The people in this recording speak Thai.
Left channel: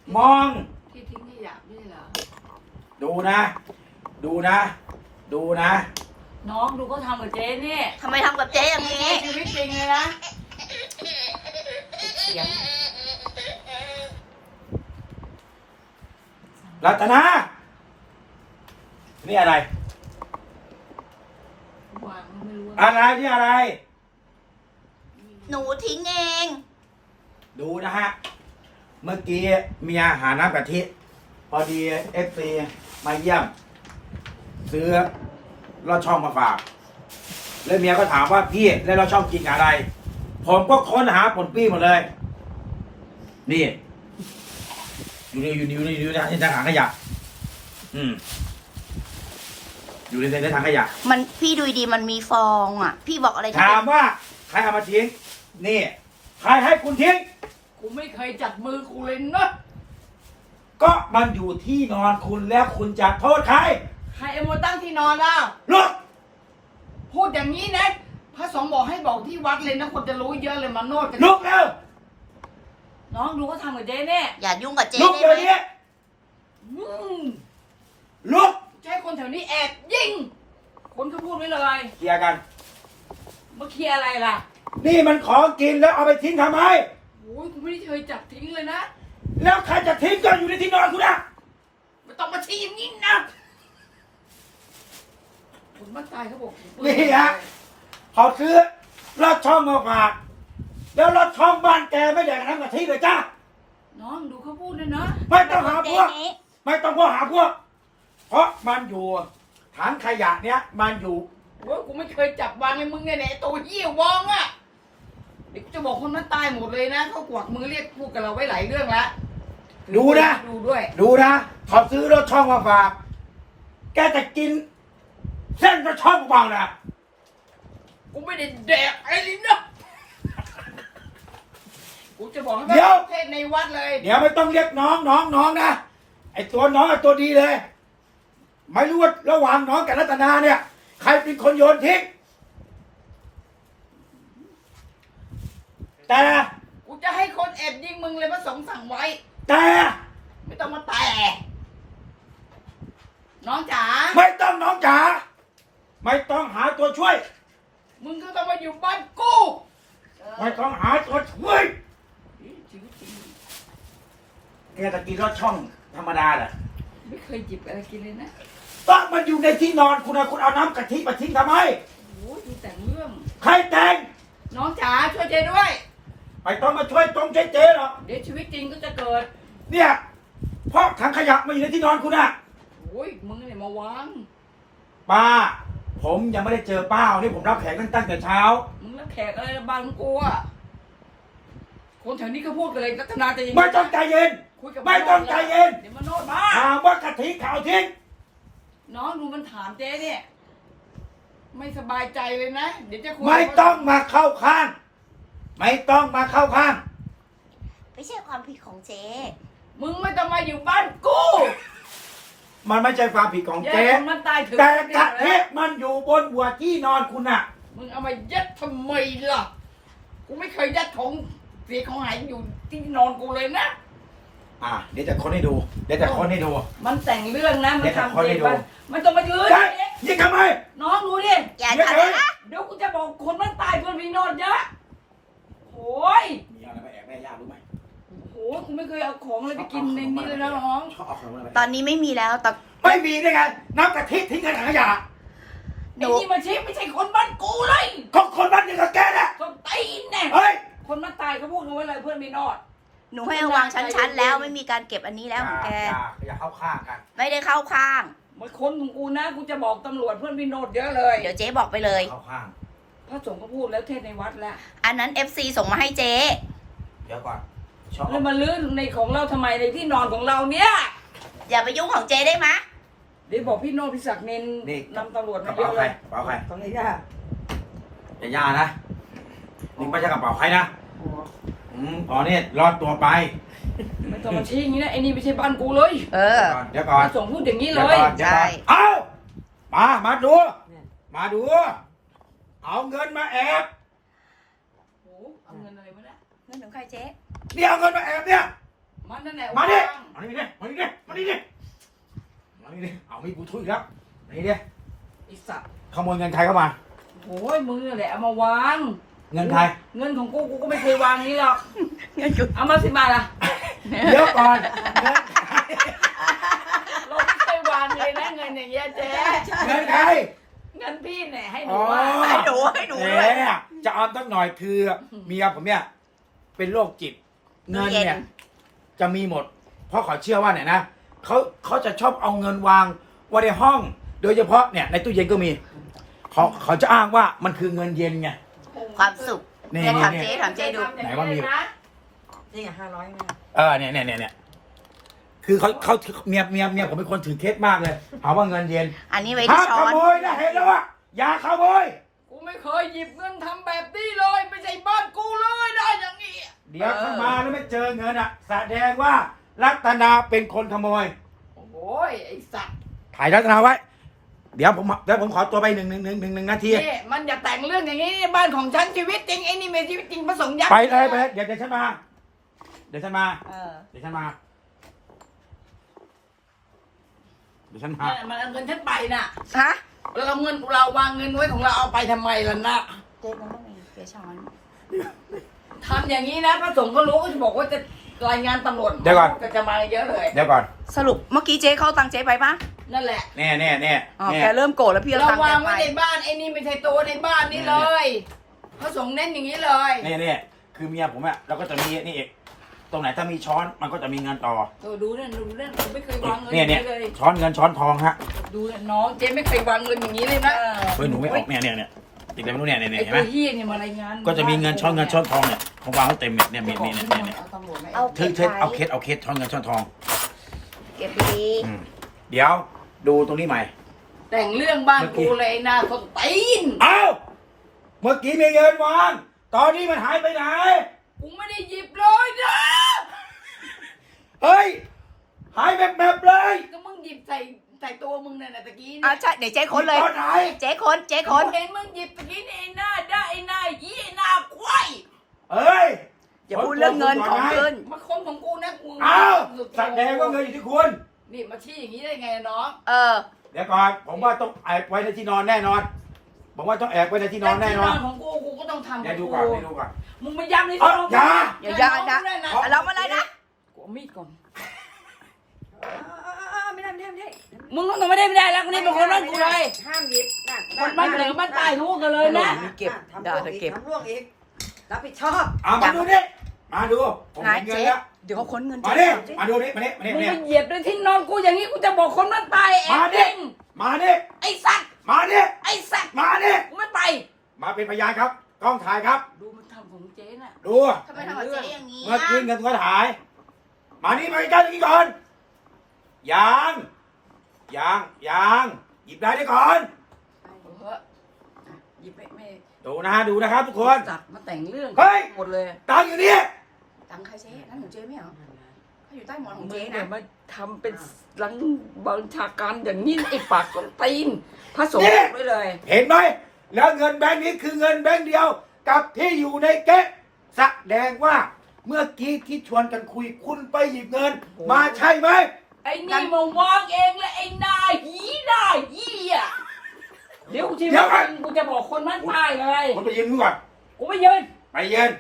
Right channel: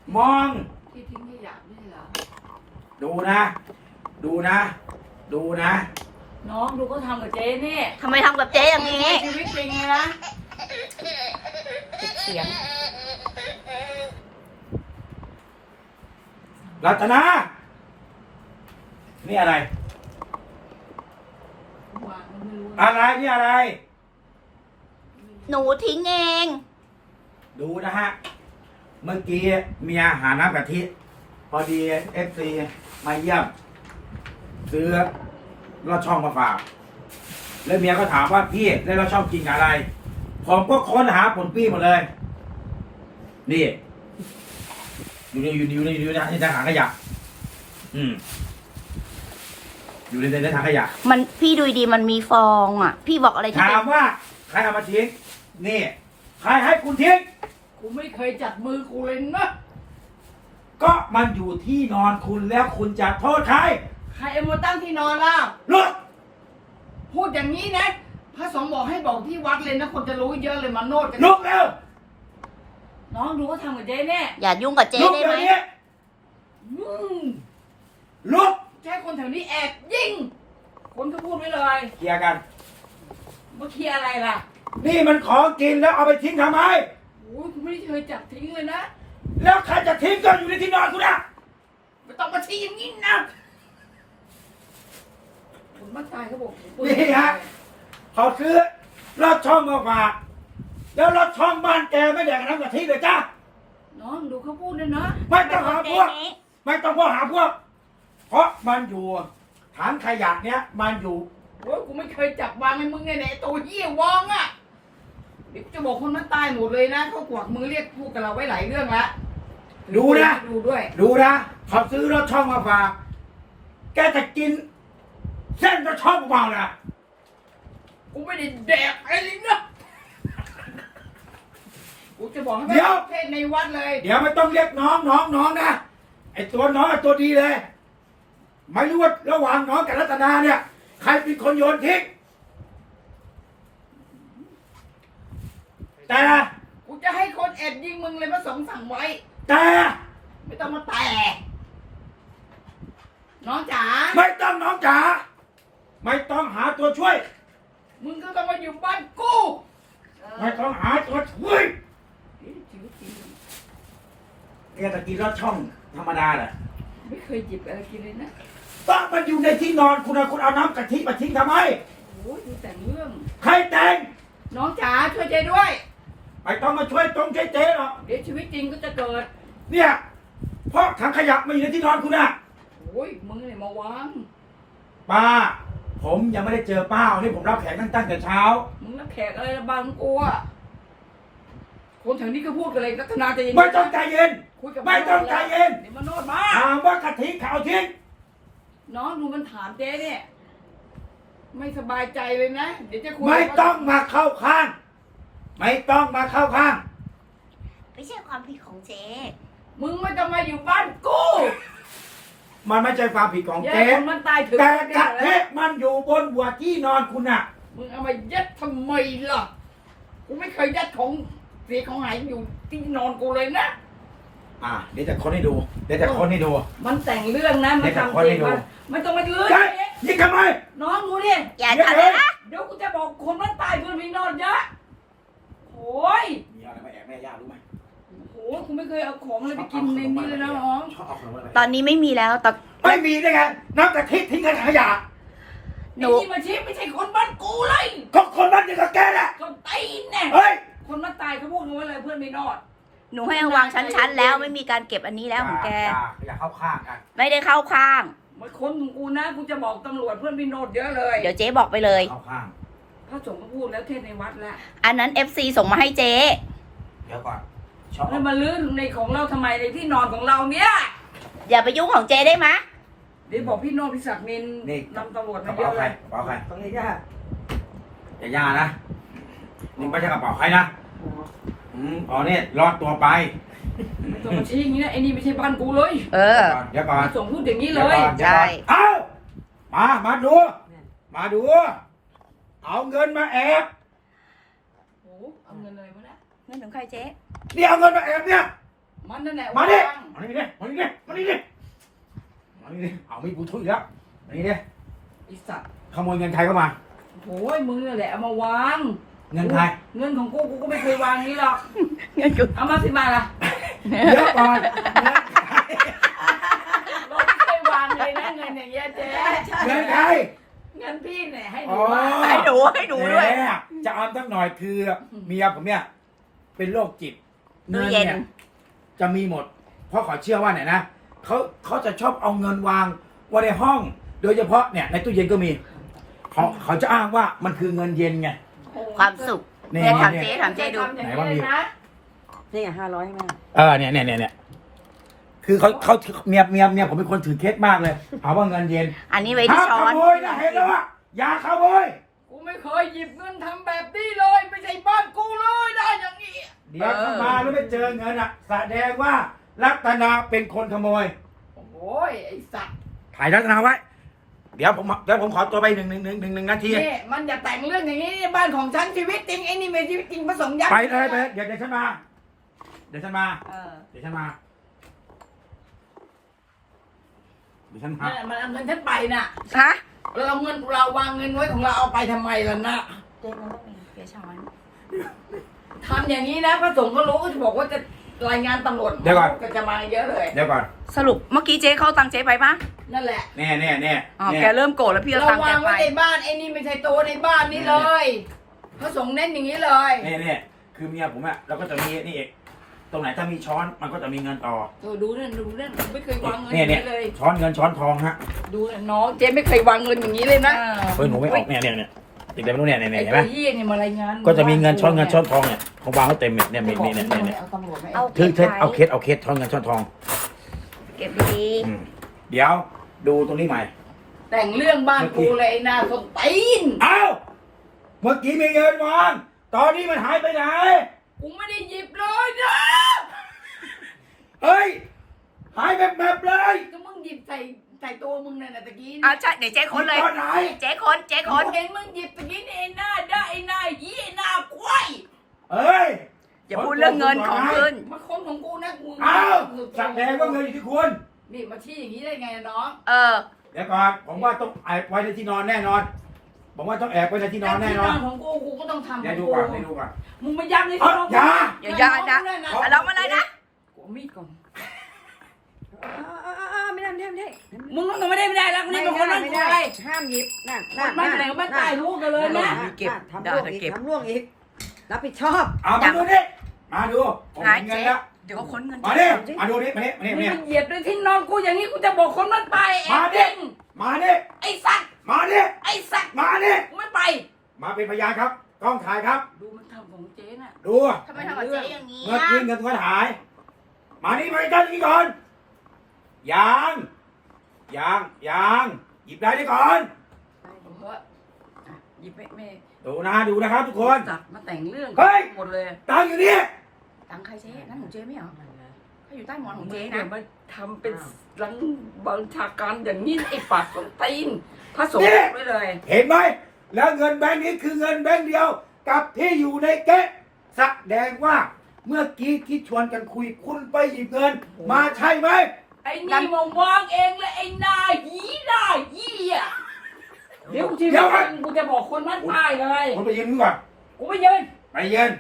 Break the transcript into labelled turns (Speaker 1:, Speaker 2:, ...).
Speaker 1: มอง
Speaker 2: ที่ทิ้งขยะด้วยเหรอ
Speaker 1: ดูนะดูนะดูนะ
Speaker 2: น้องดูก็ทำกับเจ๊นี่
Speaker 3: ทำไมทำกับเจ๊อย่างนี้
Speaker 2: ชีวิตจริงเลยนะเสียง
Speaker 1: รัตนานี่อะไร
Speaker 2: วางไม่รู้
Speaker 1: อะไรนี่อะไร
Speaker 3: หนูทิ้งเอง
Speaker 1: ดูนะฮะเมื่อกี้เมียหาน้ำกะทิพอดีFCมาเยี่ยมซื้อลอดช่องมาฝากแล้วเมียก็ถามว่าพี่แล้วเราชอบกินอะไรผมก็ค้นหาผลปี้หมดเลยนี่อยู่ในถังขยะอยู่ในถังขยะ
Speaker 3: มันพี่ดูดีมันมีฟองอ่ะพี่บอกอะไรที่
Speaker 1: ถามว่าใครเอามาทิ้งนี่ใครให้คุณทิ้ง
Speaker 2: กูไม่เคยจัดมือกูเลยนะ
Speaker 1: ก็มันอยู่ที่นอนคุณแล้วคุณจะโทษใคร
Speaker 2: ใครเอามาตั้งที่นอนล่ะ
Speaker 1: ลุก
Speaker 2: พูดอย่างนี้นะพระสงฆ์บอกให้บอกที่วัดเลยนะคนจะรู้เยอะเลยมาโนดกัน
Speaker 1: ลุกเร็ว
Speaker 2: น้องดูก็ทำกับเจ๊แน่
Speaker 3: อย่ายุ่งกับเจ๊ได้ไหม
Speaker 1: ลุก
Speaker 2: ใช่คนแถวนี้แอบยิงคนก็พูดไว้เลย
Speaker 1: เคลียร์กัน
Speaker 2: มาเคลียร์อะไรล่ะ
Speaker 1: นี่มันของกินแล้วเอาไปทิ้งทำไม
Speaker 2: โอ้ยกูไม่ได้เคยจับทิ้งเลยนะ
Speaker 1: แล้วใครจะทิ้งก็อยู่ในที่นอนคุณนะ
Speaker 2: ไม่ต้องมาชี้อย่างนี้นะคนบ้านตายเขาบอก
Speaker 1: นี่ฮะเขาซื้อรถช่องมาฝากแล้วรถช่องบ้านแกไม่แดกน้ำกะทิเลยจ้า
Speaker 2: น้องดูเขาพูดเลยนะ
Speaker 1: ไม่ต้องหาพวกไม่ต้องพวกหาพวกเพราะมันอยู่ถังขยะเนี้ยมันอยู่
Speaker 2: โอ้ยกูไม่เคยจับวางให้มึงไงเนี่ยตัวเหี้ยวางอ่ะนี่จะบอกคนมันตายหมดเลยนะเขากวักมือเรียกพูดกับเราไว้หลายเรื่องแล้ว
Speaker 1: ดูนะ
Speaker 2: ดูด้วย
Speaker 1: ดูนะเขาซื้อรถช่องมาฝากแกจะกินเส้นรถช่องเปล่านะ
Speaker 2: กูไม่ได้แดกไอ้ลิ้นนะกูจะบอกให้เทศในวัดเลย
Speaker 1: เดี๋ยวไม่ต้องเรียกน้องนะไอตัวน้องไอตัวดีเลยไม่รู้ว่าระหว่างน้องกับรัตนาเนี่ยใครเป็นคนโยนทิ้งแต่
Speaker 2: กูจะให้คนแอบยิงมึงเลยพระสงฆ์สั่งไว้
Speaker 1: แต่
Speaker 2: ไม่ต้องมาแต่น้องจ๋า
Speaker 1: ไม่ต้องน้องจ๋าไม่ต้องหาตัวช่วย
Speaker 2: มึงก็ต้องมาอยู่บ้านกู
Speaker 1: ไม่ต้องหาตัวช่วยตะกี้รถช่องธรรมดาเหรอ
Speaker 2: ไม่เคยหยิบอะไรกินเลยนะ
Speaker 1: ต้องมันอยู่ในที่นอนคุณเอาน้ำกะทิมาทิ้งทำไม
Speaker 2: โอ้ยแต่งเรื่อง
Speaker 1: ใครแต่ง
Speaker 2: น้องจ๋าช่วยเจ๊ด้วย
Speaker 1: ไม่ต้องมาช่วยตรงช่วยเจ๊หรอก
Speaker 2: เดี๋ยวชีวิตจริงก็จะเกิด
Speaker 1: เนี่ยเพราะถังขยะมาอยู่ในที่นอนคุณอะ
Speaker 2: โอ้ยมึงเนี่ยมาวาง
Speaker 1: ป้าผมยังไม่ได้เจอป้าที่ผมรับแขกตั้งแต่เช้า
Speaker 2: มึงรับแขกอะไรบางกูอะคนแถวนี้ก็พูดกันเลยรัตนาใจเย็น
Speaker 1: ไม่ต้องใจเย็นไม่ต้องใจเย็น
Speaker 2: เดี๋ยวมาโนดมา
Speaker 1: ถามว่ากะทิเขาทิ้ง
Speaker 2: น้องดูมันถามเจ๊เนี่ยไม่สบายใจเลยนะเดี๋ยวจะคุย
Speaker 1: ไม่ต้องมาเข้าข้างไม่ต้องมาเข้าข้าง
Speaker 3: ไม่ใช่ความผิดของเจ๊
Speaker 2: มึงไม่ต้องมาอยู่บ้านกู
Speaker 1: มันไม่ใช่ความผิดของเจ๊
Speaker 2: มันตายถึง
Speaker 1: แต่กะทิมันอยู่บนหัวที่นอนคุณน่ะ
Speaker 2: มึงเอามายัดทำไมล่ะกูไม่เคยยัดของเสียของหายอยู่ที่นอนกูเลยนะ
Speaker 1: เดี๋ยวจะค้นให้ดู
Speaker 2: มันแต่งเรื่องนะมันทำจริงมันต้องมายืน
Speaker 1: ยิงทำไม
Speaker 2: น้องดูดิ
Speaker 3: อย่าทำนะ
Speaker 2: เดี๋ยวกูจะบอกคนมันตายคนพี่นอนเยอะโอ้ย
Speaker 1: มีอะไรมาแอบแม่ย่ารู้ไหม
Speaker 2: โอ้กูไม่เคยเอาของอะไรไปกินในนี้เลยนะน้อง
Speaker 3: ตอนนี้ไม่มีแล้วแต่
Speaker 1: ไม่มีได้ไงน้ำกะทิทิ้งในถังขยะ
Speaker 2: หนูนี่มาชี้ไม่ใช่คนบ้านกูเลย
Speaker 1: ก็คนบ้านเดียวกับแกแหละ
Speaker 2: คนตีนเนี่ยคนมันตายเขาพูดกันว่าอะไรเพื่อนไม่นอด
Speaker 3: หนูให้เอาวางชั้นๆแล้วไม่มีการเก็บอันนี้แล้วของแก
Speaker 1: อย่าเข้าข้างกัน
Speaker 3: ไม่ได้เข้าข้าง
Speaker 2: มาคนของกูนะกูจะบอกตำรวจเพื่อนพี่โนดเยอะเลย
Speaker 3: เดี๋ยวเจ๊บอกไปเลย
Speaker 1: เข้าข้าง
Speaker 2: พระสงฆ์เขาพูดแล้วเทศในวัดแล้ว
Speaker 3: อันนั้น FC ส่งมาให้เจ๊
Speaker 1: เดี๋ยวก่อน
Speaker 2: แล้วมาลื้อในของเราทำไมในที่นอนของเราเนี่ย
Speaker 3: อย่าไปยุ่งของเจ๊ได้ไหม
Speaker 2: เดี๋ยวบอกพี่โนดพี่ศักดิ์นินนำตำรวจมาเยอะเลย
Speaker 1: กระเป๋าใคร
Speaker 2: ของย่า
Speaker 1: ย่านะนี่ไม่ใช่กระเป๋าใครนะเนี่ยรอดตัวไป
Speaker 2: ไม่ต้องชี้อย่างนี้นะไอ้นี่ไม่ใช่บ้านกูเลย
Speaker 1: เดี๋ยวก่อน
Speaker 2: ส่งพูดอย่างนี้เลย
Speaker 3: ใช่
Speaker 1: เอามาดูเอาเงินมาแอบ
Speaker 2: โอ้เอาเงินอะไรวะเนี่ย
Speaker 3: เงินของใครเจ๊
Speaker 1: นี่เอาเงินมาแอบเนี่ย
Speaker 2: มันนั่นแหละ
Speaker 1: มาดิ
Speaker 2: วาง
Speaker 1: มาดิมาดิมาดิมาดิเอามีดกูทุยแล้วมาดิ
Speaker 2: ไอ้สัตว์
Speaker 1: ขโมยเงินใครเข้ามา
Speaker 2: โอ้ยมึงนี่แหละเอามาวาง
Speaker 1: เงินใคร
Speaker 2: เงินของกูก็ไม่เคยวางนี้หรอก
Speaker 3: เงินกู
Speaker 2: เอามา10 บาทล่ะ
Speaker 1: เดี๋ยวก่อนเงินใคร
Speaker 2: เราไม่เคยวางเลยนะเงินอย่างเงี้ยเจ๊
Speaker 1: เงินใคร
Speaker 2: เงินพี่เนี่ยให้ห
Speaker 1: อ๋
Speaker 2: นู
Speaker 1: อ
Speaker 2: ว่า
Speaker 3: ให้ดูด้วย
Speaker 1: แหมจะเอาตั้งหน่อยคือเมียผมเนี่ยเป็นโรคจิตเงิน
Speaker 3: ตู้เย็
Speaker 1: เนี่ย
Speaker 3: น
Speaker 1: จะมีหมด เพราะเขาเชื่อว่าเนี่ยนะเขาจะชอบเอาเงินวางไว้ในห้อง โดยเฉพาะเนี่ยในตู้เย็นก็มีเขาจะอ้างว่ามันคือเงินเย็นไง
Speaker 3: ความสุข
Speaker 1: นี่
Speaker 3: เนี่ยถาม
Speaker 1: นี่
Speaker 3: เจ๊ถามเจ๊ดู
Speaker 1: ไหนว่ามี
Speaker 4: นี่500มา
Speaker 1: เนี่ยคือเขาเมียผมเป็นคนถือเคสมากเลยเอาว่าเงินเย็น
Speaker 3: อันนี้ไว้ที่
Speaker 1: ห้าม
Speaker 3: ช้
Speaker 1: ข
Speaker 3: อน
Speaker 1: โมยนะเห็นแล้วว่าอย่าขโมย
Speaker 2: กูไม่เคยหยิบเงินทำแบบนี้เลยไม่ใช่บ้านกูเลยได้อย่างนี้
Speaker 1: เดี๋ยวเข้ามาแล้วไม่เจอเงินอ่ะแสดงว่ารัตนาเป็นคนขโมย
Speaker 2: โอ้ยไอ้สัตว์
Speaker 1: ถ่ายรัตนาไว้ เดี๋ยวผมขอตัวไปหนึ่งนาที
Speaker 2: นี่มันอย่าแต่งเรื่องอย่างนี้นี่บ้านของฉันชีวิตจริงไอ้นี่ไม่ชีวิตจริงผสมยักษ์
Speaker 1: ไปเลยเดี๋ยวฉันมา เดี๋ยวฉันมา
Speaker 2: เออ
Speaker 1: เดี๋ยวฉันมา
Speaker 2: เนี่ยมันเอาเงินฉันไปน่ะ
Speaker 3: ฮะ
Speaker 2: แล้วเราเงินเราวางเงินไว้ของเราเอาไปทำไมล่ะนะ
Speaker 3: เจ๊เราต้องมีเจ๊ช้อน
Speaker 2: ทำอย่างนี้นะพระสงฆ์ก็รู้ก็จะบอกว่าจะรายงานตำรวจ
Speaker 1: เดี๋ยวก่อน
Speaker 2: ก็จะมาเยอะเลย
Speaker 1: เดี๋ยวก่อน
Speaker 3: สรุปเมื่อกี้เจ๊เขาเอาตังค์เจ๊ไปปะ
Speaker 2: นั่นแหละ
Speaker 1: แน่
Speaker 3: อ๋อแกเริ่มโกรธแล้วพี่เอา
Speaker 2: เรา
Speaker 3: ตังค์แก
Speaker 2: วาง
Speaker 3: ไป
Speaker 2: ไว้ในบ้านไอ้นี่ไม่ใช่ตัวในบ้านนี่เลยพระสงฆ์เน้นอย่างนี้เลย
Speaker 1: เนี่ยคือเมียผมอะเราก็จะมีนี่เองตรงไหนถ้ามีช้อนมันก็จะมีเงินต่อ
Speaker 2: ดูนั่นผมไม่เคยวางเงินอ
Speaker 1: เนี่ย
Speaker 2: ย่างนี้เลย
Speaker 1: ช้อนเงินช้อนทองฮะ
Speaker 2: ดูนะน้องเจ๊ไม่เคยวางเงินอย่างนี้เลยนะ
Speaker 1: เฮ้ยหนูไม่ออกเนี่ยติดอะไรไม่รู้เนี่ยเห็นไหม
Speaker 2: ไอ้เหี้ยเนี่ยมารายงาน
Speaker 1: ก็จะมีเงินช้อนเงินช้อนทองเนี่ยของวางไว้เต็มเนี่ยมีเนี่ย
Speaker 2: เอาตำรวจไหม
Speaker 3: เอา
Speaker 1: ถึ
Speaker 3: เก็
Speaker 1: ง
Speaker 3: บ
Speaker 1: เอา
Speaker 3: ไว้
Speaker 1: เคสช้อนเงินช้อนทอง
Speaker 3: เก็บดี
Speaker 1: อืมเดี๋ยวดูตรงนี้ใหม่
Speaker 2: แต่งเรื่องบ้านกูเลยไอ้หน้าส้นตีน
Speaker 1: เอ้าเมื่อกี้มีเงินวางตอนนี้มันหายไปไหน
Speaker 2: กูไม่ได้หยิบเลยนะ
Speaker 1: เฮ้ยหายแบบเลย
Speaker 2: ก็มึงหยิบใส่ตัวมึงเนี่ยนะตะกี้
Speaker 3: อ่ะ
Speaker 2: เนี่ย
Speaker 3: ใช่เดี๋ยวเจ๊ค้นเลย
Speaker 1: ตอนไหน
Speaker 3: เจ๊ค้นเจ๊
Speaker 2: ค
Speaker 3: ค้
Speaker 2: น
Speaker 3: น
Speaker 2: เห็นมึงหยิบตะกี้นี่ไอ้หน้าได้ไอ้หน้ายี่ไอ้หน้าควาย
Speaker 1: เอ้ย
Speaker 3: อย่าพูดเรื่องเงินของขึ้น
Speaker 2: มาคนของกูนะกู
Speaker 1: เอ้าแสดงว่าเงินอยู่ที่คุณ
Speaker 2: นี่มาชี้อย่างนี้ได้ไงน้อง
Speaker 3: เออ
Speaker 1: เดี๋ยวก่อนผมว่าต้องแอบไว้ในที่นอนแน่นอนผมว่าต้องแอบไว้ในที่นอนแน่นอน
Speaker 2: ที่ของกูก็ต้องทำข
Speaker 1: เดี๋ย
Speaker 2: อ
Speaker 1: ว
Speaker 2: ง
Speaker 1: ดู
Speaker 2: กู
Speaker 1: ก่อนเดี๋ยวดูก่อน
Speaker 2: มึงมาย้ำใน
Speaker 1: เอ้าอย่า
Speaker 3: อย่าอย่าเรามาเลยนะ
Speaker 2: กูเอามีดก่อน
Speaker 4: ไม่ได้
Speaker 2: มึงต้องไม่ได้แล้วคนนี้เป็นคนนั่นกูเลย
Speaker 4: ห้ามหยิบนั่น
Speaker 2: มันเหลือมันตายรู้กันเลยนะ
Speaker 3: เก็บด่าแต่เก็บ
Speaker 4: ทำล่วงอีกรับผิดชอบ
Speaker 1: เอามาดูดิมาดูผมเห็นเงินแล้ว
Speaker 3: เดี๋ยวเขาค้นเงิน
Speaker 1: มาดิมาดูดิมาดิมาดิ
Speaker 2: มึง
Speaker 1: เนี่ย
Speaker 2: มาเหยียบด้วยที่นอนกูอย่างนี้กูจะบอกคนนั้นตาย
Speaker 1: มาดิ
Speaker 2: เอง
Speaker 1: มาดิ
Speaker 2: ไอ้สัตว์
Speaker 1: มาดิ
Speaker 2: ไอ้สัตว์
Speaker 1: มาดิ
Speaker 2: กูไม่ไป
Speaker 1: มาเป็นพยานครับกล้องถ่ายครับ
Speaker 2: ดูมันทำของเจ๊น่ะ
Speaker 1: ดู
Speaker 3: ทำไมทำกับเจ๊อย่างนี้
Speaker 1: เมื่อ
Speaker 3: อ่ะ
Speaker 1: กี้เงินก็หาย มานี่มาใกล้ๆนี่ก่อนยังหยิบได้นี่ก่อน
Speaker 2: หยิบไม่
Speaker 1: ดูนะครับทุกคน
Speaker 2: จับมาแต่งเรื่อง
Speaker 1: เฮ้ย
Speaker 2: หมดเลย
Speaker 1: ตังค์อยู่นี่
Speaker 3: ตังค์ใครเจ๊นั่นของเจ๊ไม่เหรอเขาอยู่ใต้หมอนของเจ๊นะ
Speaker 2: มันทำเป็นหลังบัญชาการอย่างนี้ไอ้ปากของตีนพระสงฆ์ไว้เลย
Speaker 1: เห็นไหมแล้วเงินแบงค์นี้คือเงินแบงค์เดียว กับที่อยู่ในเก๊ะแสดงว่าเมื่อกี้ที่ชวนกันคุยคุณไปหยิบเงิน มาใช่ไหม
Speaker 2: ไอ้นี่มาวางเองเลยไอ้นายหีได้ยี่อ่ะเดี๋ยวชีวิตจริงกูจะบอกคนนั้นตายเลย
Speaker 1: คุณไปยืนมือก่อน
Speaker 2: กูไม่ยืน
Speaker 1: ไปยืน